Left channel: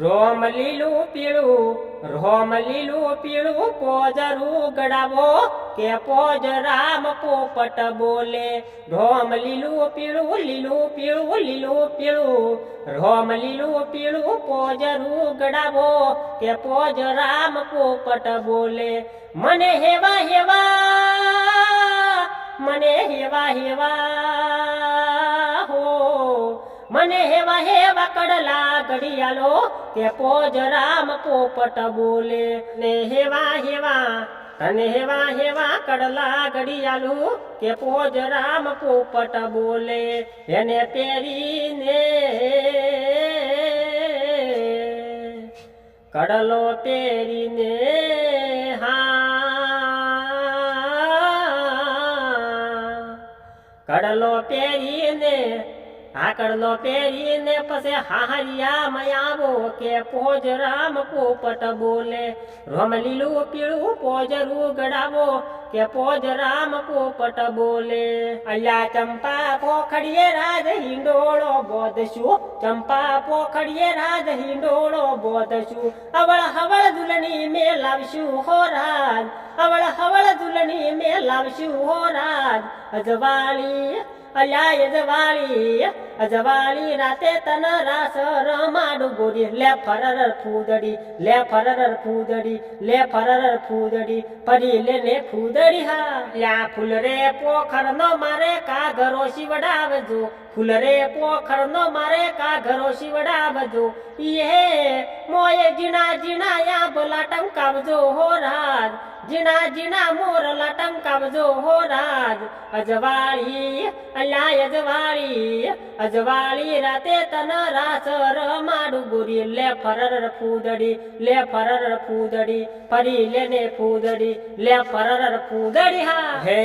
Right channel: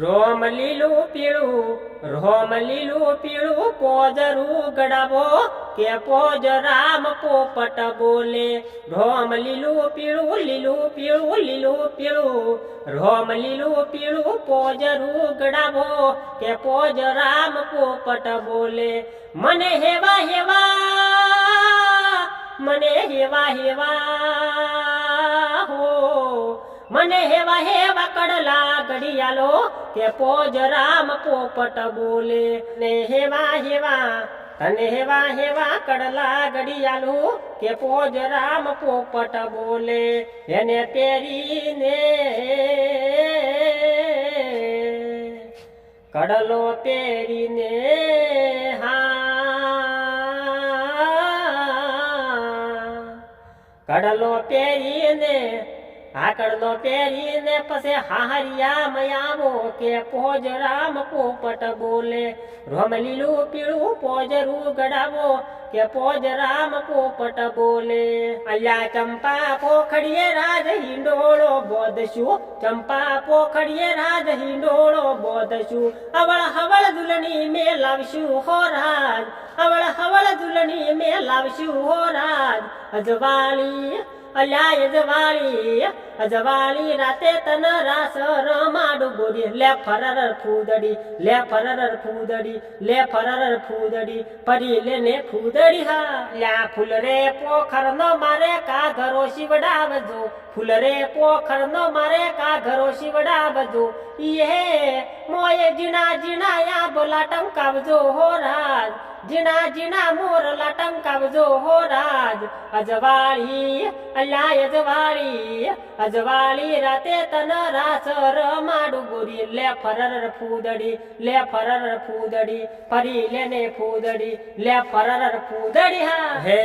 રોમ લીલું પીળું પોજરું ગડાવો કે પોજ રામ પોપટ બોલે। રોમ લીલું પીળું રોમ લીલું પીળું પોજરું ગડાવો કે પોજ રામ પોપટ બોલે। મને હેવા હો મને હેવા કડલા ઘડિયાલો કે પોજ રામ પોપટ બોલે। ને તને હેવા કડલા ઘડિયાલો કે પોજ રામ પોપટ બોલે। એને પહેરીને કડલો પહેરીને કડલો પહેરીને પછી હાહરિયામાં આવો કે પોજ રામ પોપટ બોલે। રોમ લીલું પીળું પોજરું ગડાવો કે પોજ રામ પોપટ બોલે। અલ્યા ચંપા પોખડીએ રાજ હિંડોળો બોધશું, ચંપા પોખડીએ રાજ હિંડોળો બોધશું। હવળ દુલણી મેં લાવશું હો રાજ, હવળ દુલણી મેં લાવશું હો રાજ। અજવાળી રાતે તન રાસ રમાડું ગોરી। લે ફરર ફૂદડી પરી લેને ફૂદડી હા। લ્યા ફૂલ રે પોખર નો મારે કાઘરો શિવડાવજો, ફૂલ રે પોખર નો મારે કાઘરો શિવડાવજો। યે મોયે જીણા યા બોલા ટંકાવજો હો રાજ, જીણા મોરલા ટંકાવજો હો રાજ। અજવાળી રાતે તન રાસ રમાડું ગોરી। લે ફરર ફૂદડી ફરી લેને ફૂદડી, લે ફરર ફૂદડી હા। હે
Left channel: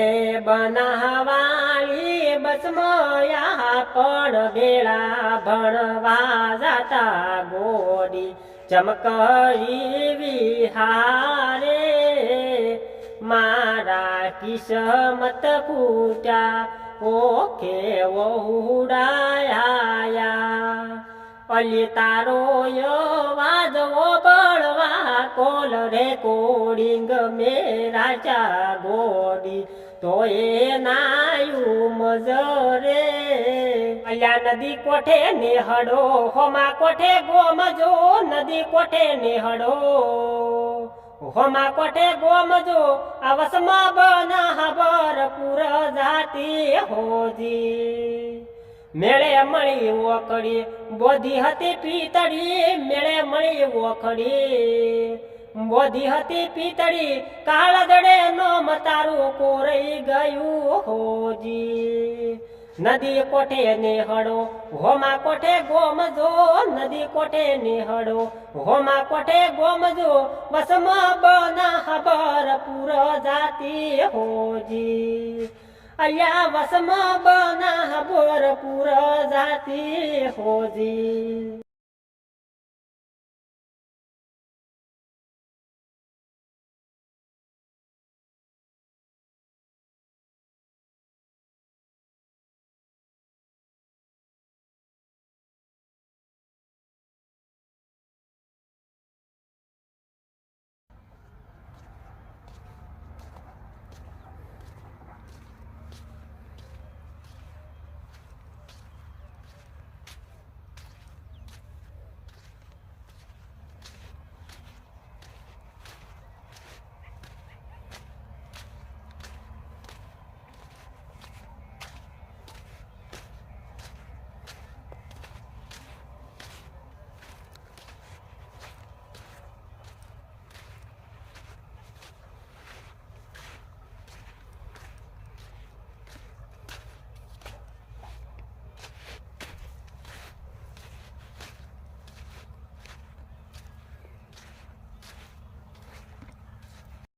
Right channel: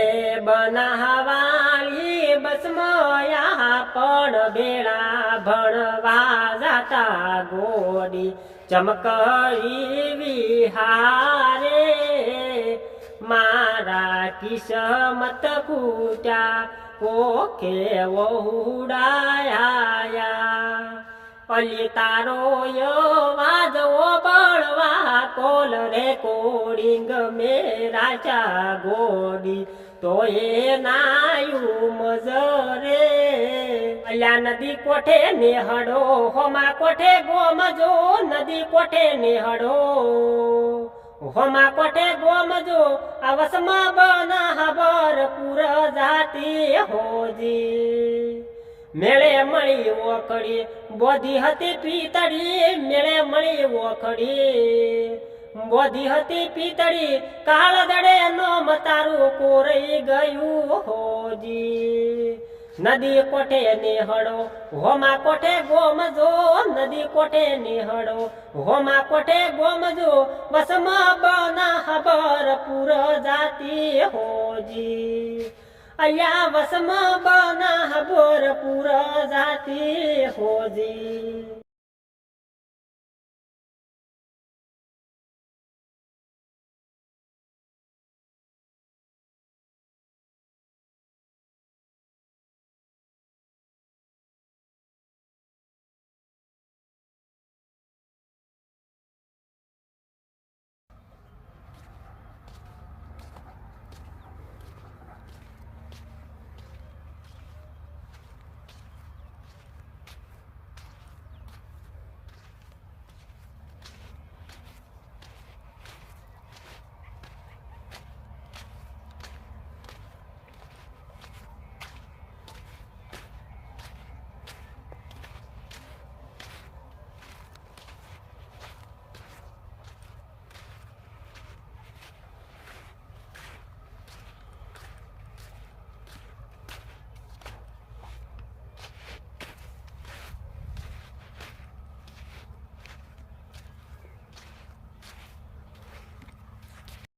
બનાવાળી બસમયા પણ બેડા ભણવા જાતા ગોડી। ચમકરી વિહારે મારા કિસ્મત ફૂટ્યા ઓખે વહુડાયા। અલી તારો વાજવો બળવા કોલ રેકોર્ડિંગ મેરા ચા ગોડી તો એ નાયું મજરે। અલ્યા નદી કોઠે નેહડો હોમા કોઠે ગોમજો, નદી કોઠે નેહડો હોમા કોઠે ગોમજો। આ વસમાં બના ભરપૂર જાતી હોજી। મેળે મળી ઓખડી બોધી હતી પીતળી, મેળે મળી ઓખડી બોધી હતી પીતળી। કાળ દડે નો મતારું કોરઈ ગયું હોજી। નદી કોઠે નેહડો હોમા કોઠે ગોમજો, નદી કોઠે નેહડો હોમા કોઠે ગોમજો। વસમાં બના ભરપૂર જાતી હોજી। અલ્યા વસમાં બના ભરપૂર જાતી હોજી।